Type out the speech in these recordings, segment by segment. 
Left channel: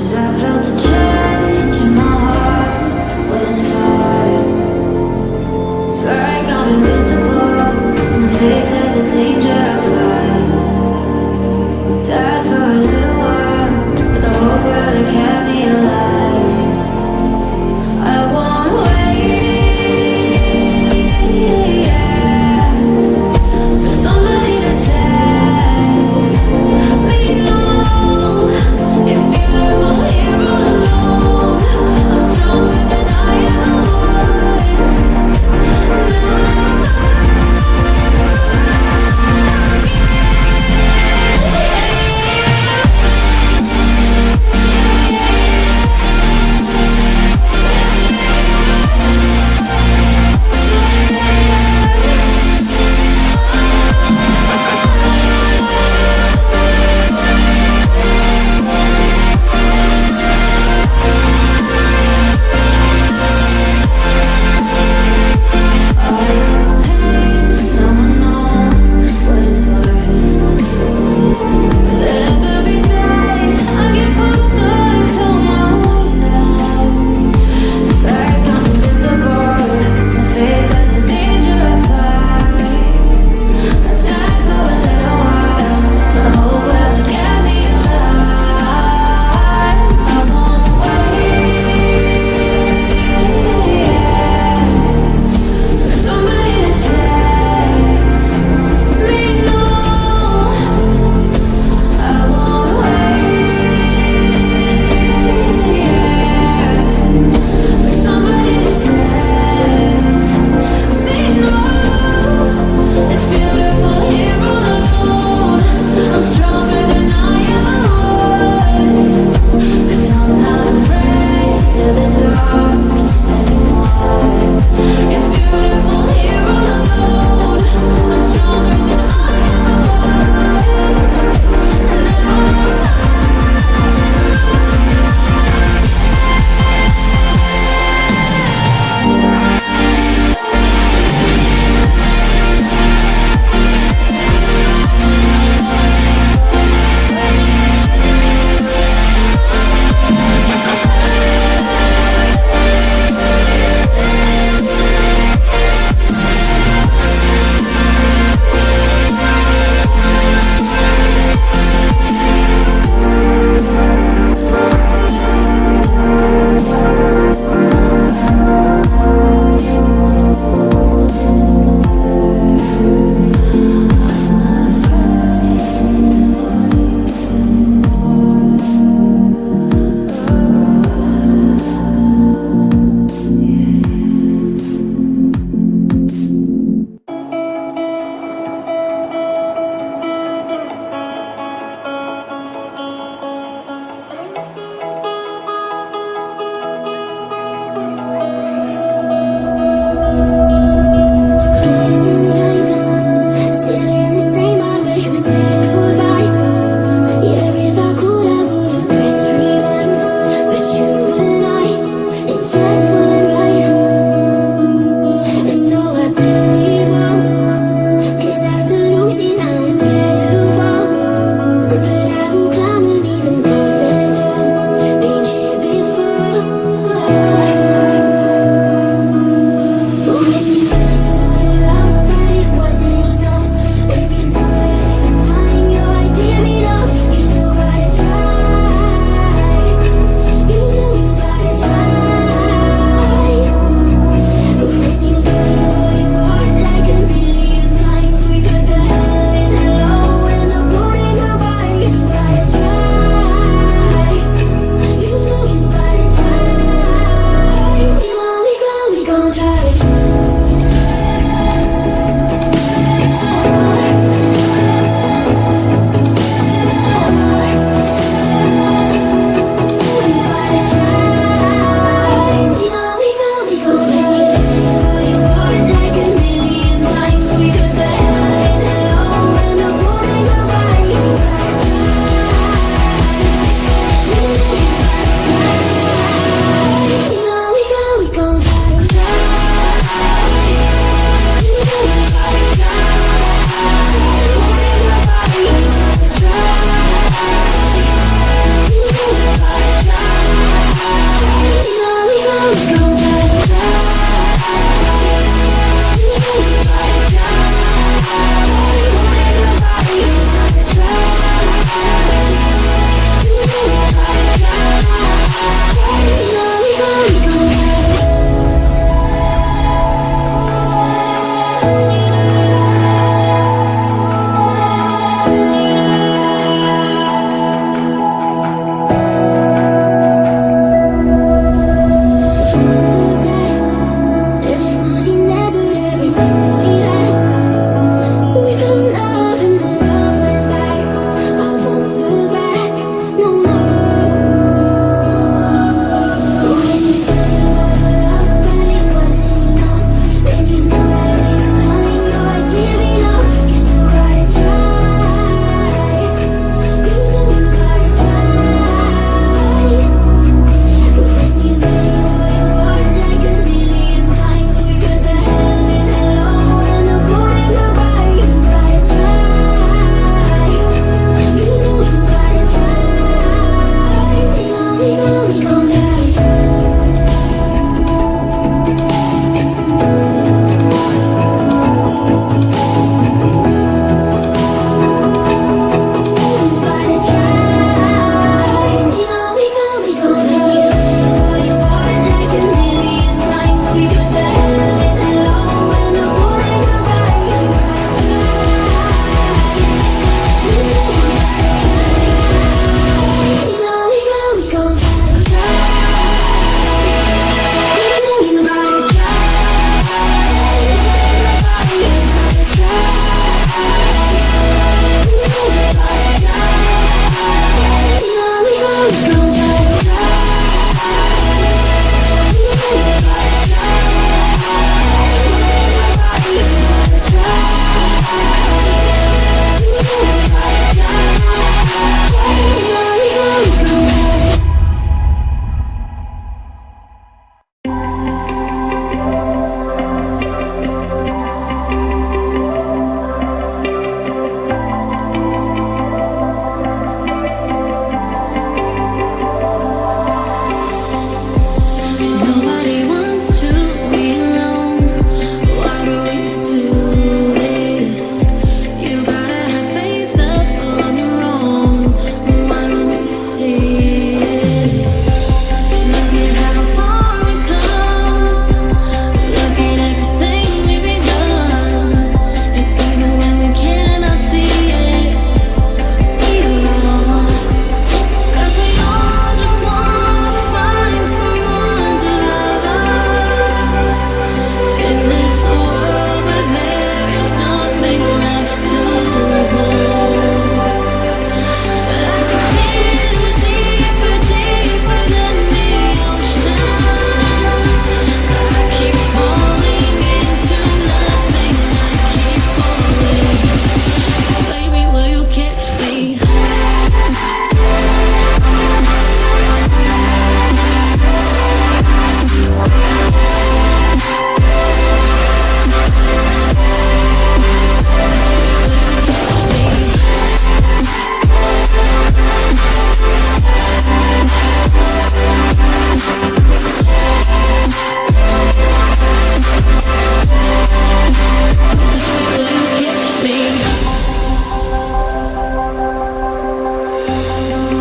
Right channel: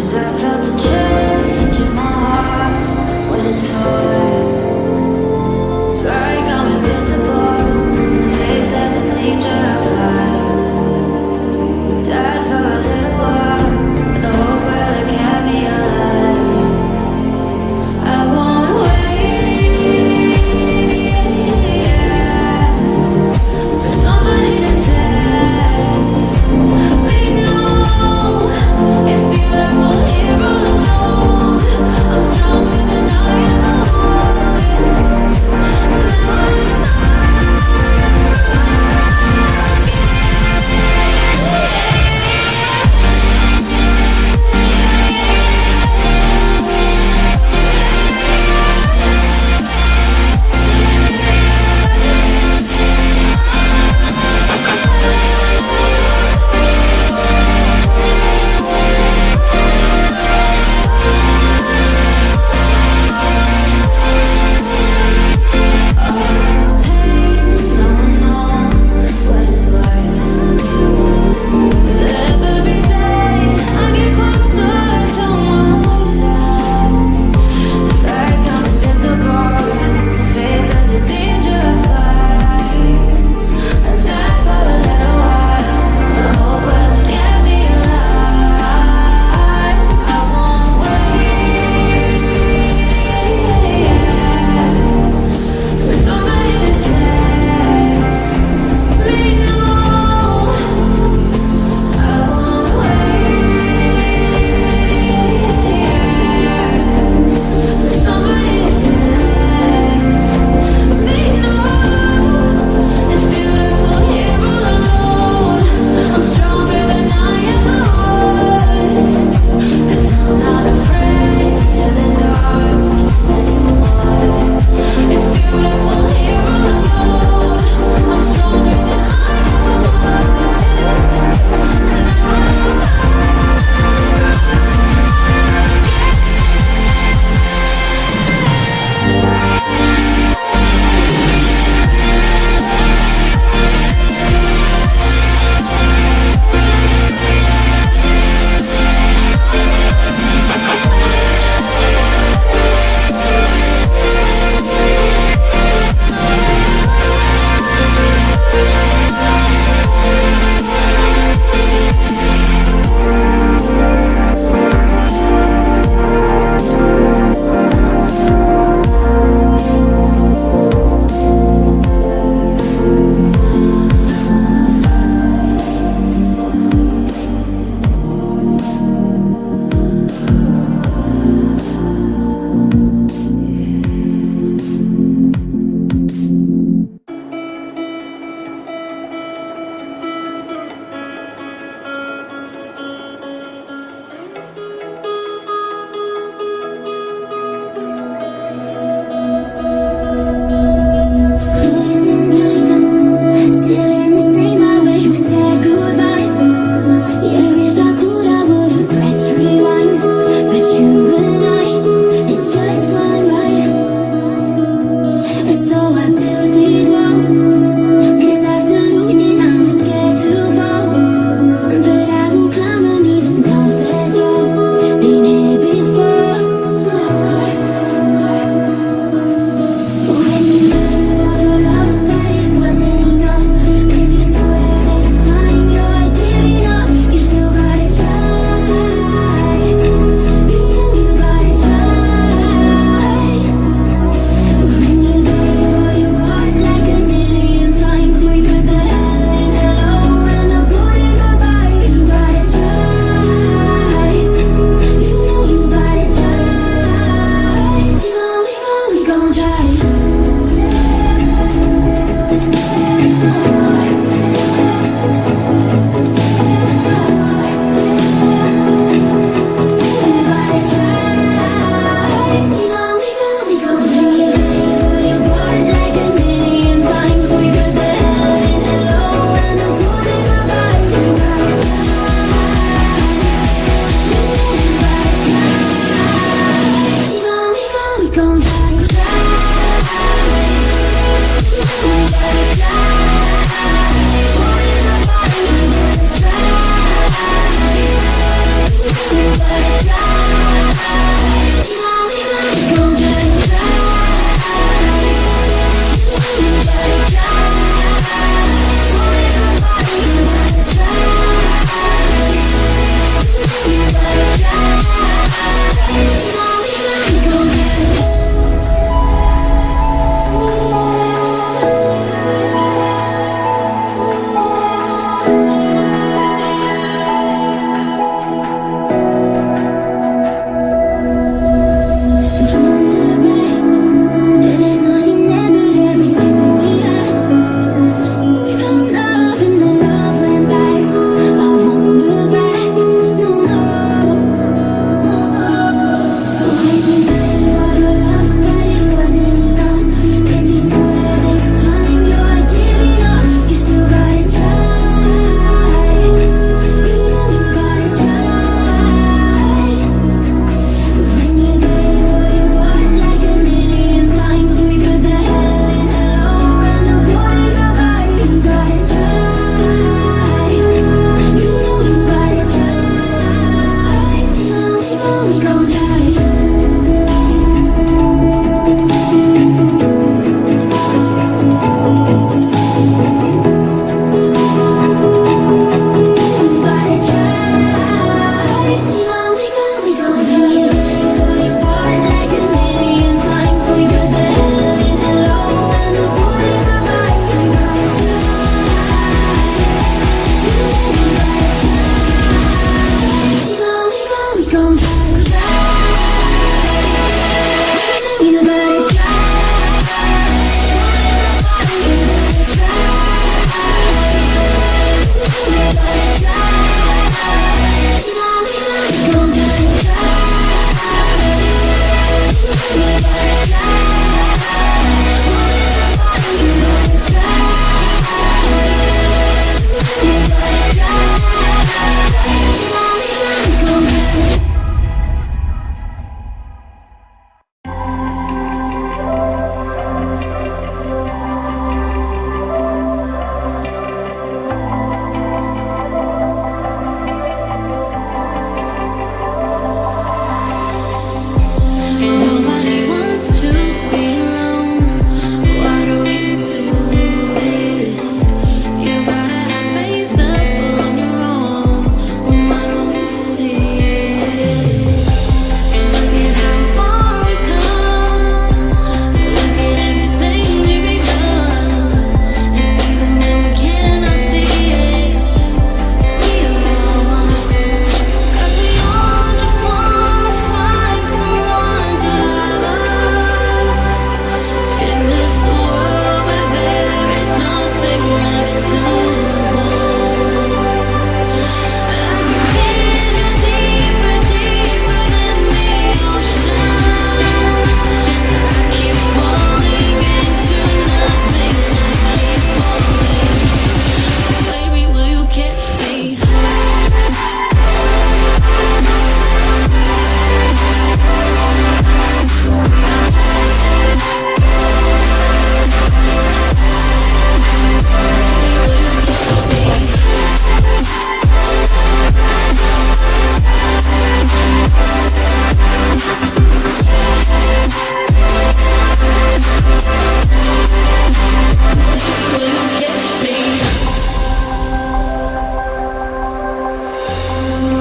'Cause I felt a change in my heart when it's hard. It's like I'm invincible in the face of the danger of life. Died for a little while, but the whole world that kept me alive. I won't wait, yeah, for somebody to save me. No, it's beautiful here all alone. I'm stronger than I ever was. Now I'm broken.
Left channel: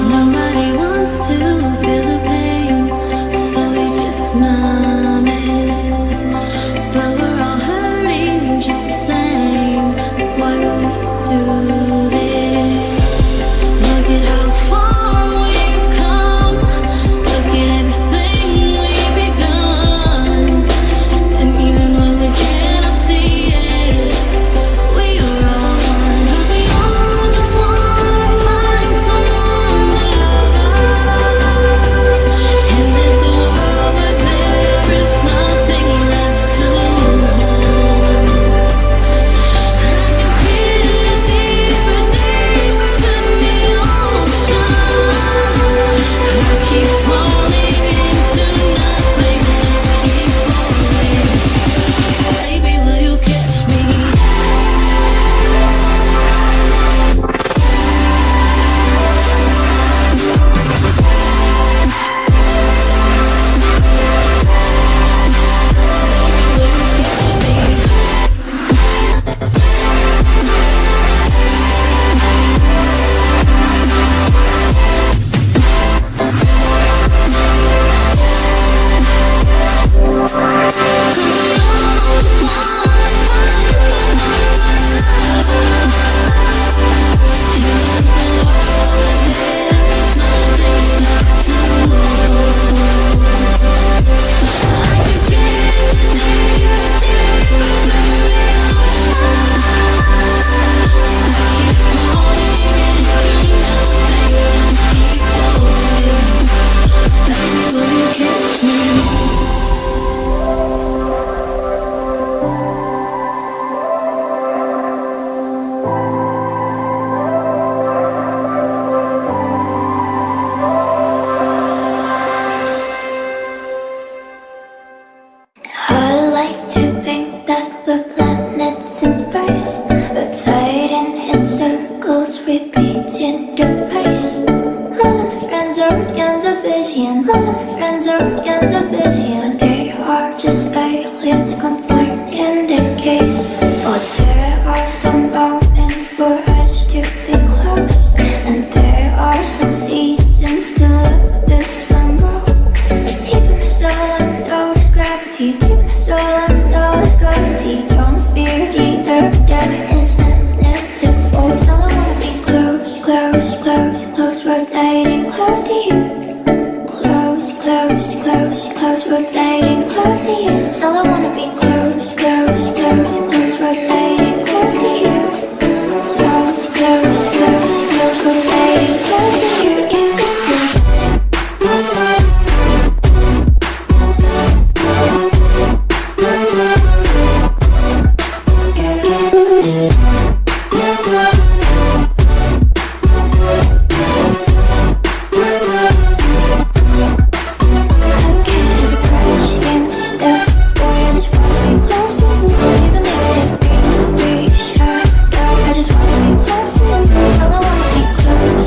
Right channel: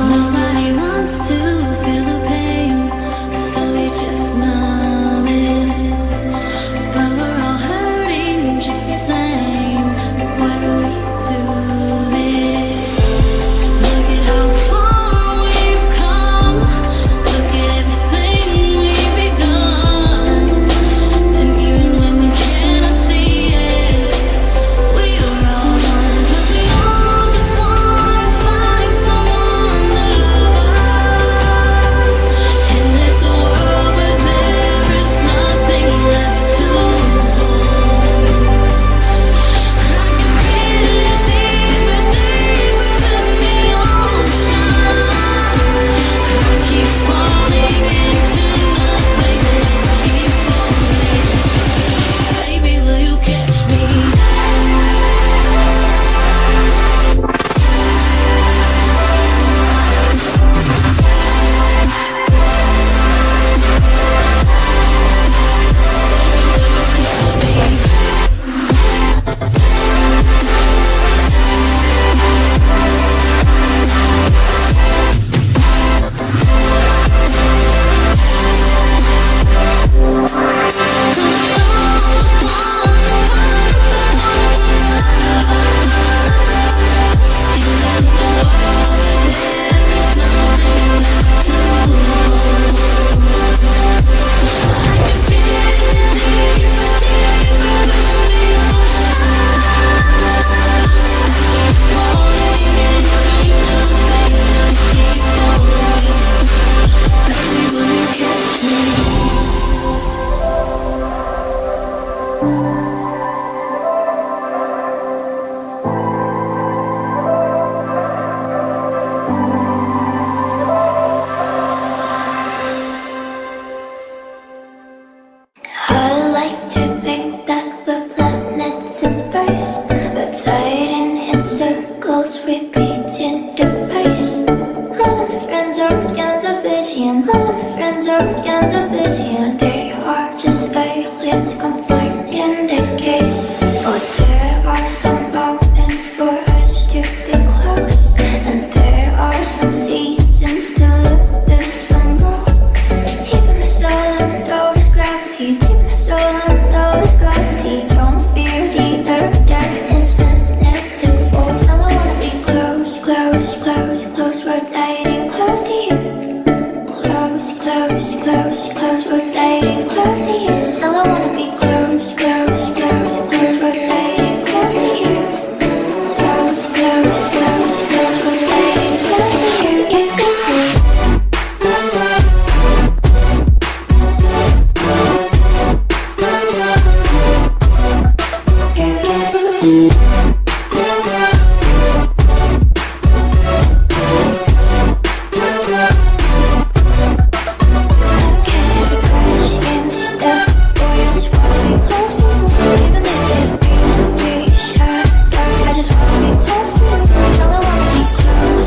Nobody wants to feel the pain, so we just numb it. But we're all hurting just the same. Why do we do this? Look at how far we've come. Look at everything we've begun. And even when we cannot see it, we are all one. 'Cause we all just wanna find someone to love us. In this world where there is nothing left to hold, I can feel it deeper, deeper than the ocean. I keep falling into nothing and keep falling. Baby, will you catch me? Cause we all just wanna find someone to love us. In this world where there is nothing left to hold, I can feel it deeper, deeper than the ocean. I keep falling into nothing, I keep falling. Baby, will you catch me? I like to think that we're planets in space, rotating in circles, repeating the face. All of my friends are organs of vision. All of my friends are organs of vision. But they are just aliens confined in the cage. For there are some moments for us to be close, and there are some seasons to let the sun go. Deep in my soul under this gravity. Deep in my soul under this gravity. Don't fear the earth that is magnetic force. All I wanna be close, close, close, close, rotating close to you. Close, close, close, close, rotating close to you. All I wanna be close, close, close, close, rotating close to you. Close, close, close, close, rotating close to you. I'm catching the crash and stuff. Boy, I just wanna be close to you. Even if it means we shatter, I just wanna be close to you. All I wanna be close,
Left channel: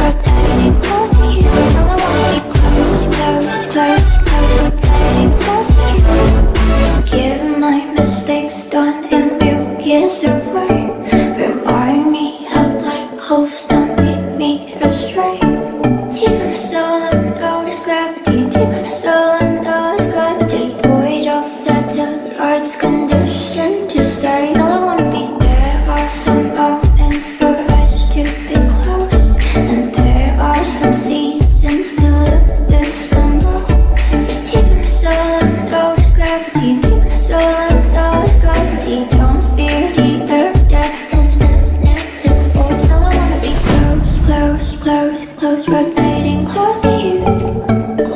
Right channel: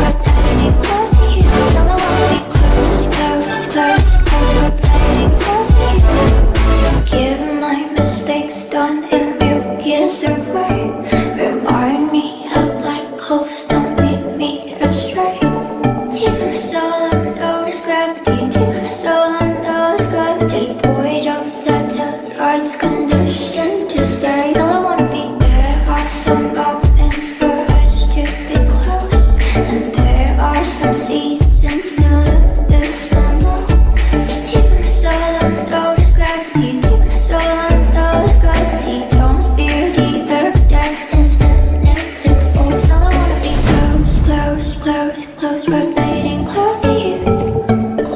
rotating close to you. All I wanna be close, close, close, close, rotating close to you. Give my mistakes done in mucus away. Remind me of black holes, don't lead me astray. Deep in my soul under this gravity. Deep in my soul under this gravity. Void of satellites, conditioned to stay. All I wanna be, there are some moments for us to be close, and there are some seasons to let the sun go. Deep in my soul under this gravity. Deep in my soul under this gravity. Don't fear the earth that is magnetic force. All I wanna be close, close, close, close, rotating close to you.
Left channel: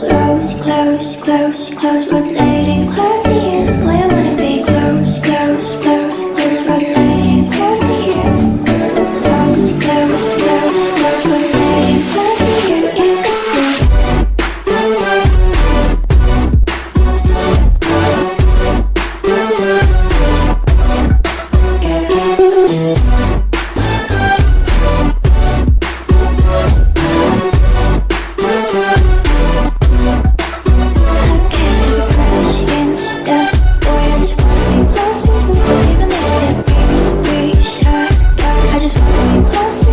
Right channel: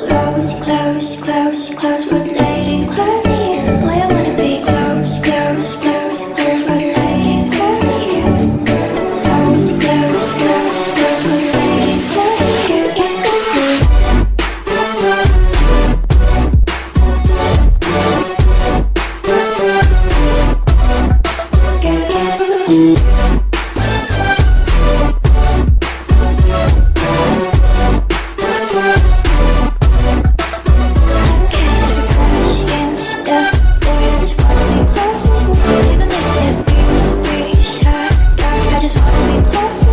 Close, close, close, close, rotating close to you. Boy, I wanna be close, close, close, close, rotating close to you. Close, close, close, close, rotating close to you. I'm catching the crash and stuff. Boy, I just wanna be close to you. Even if it means we shatter, I just wanna be close to you.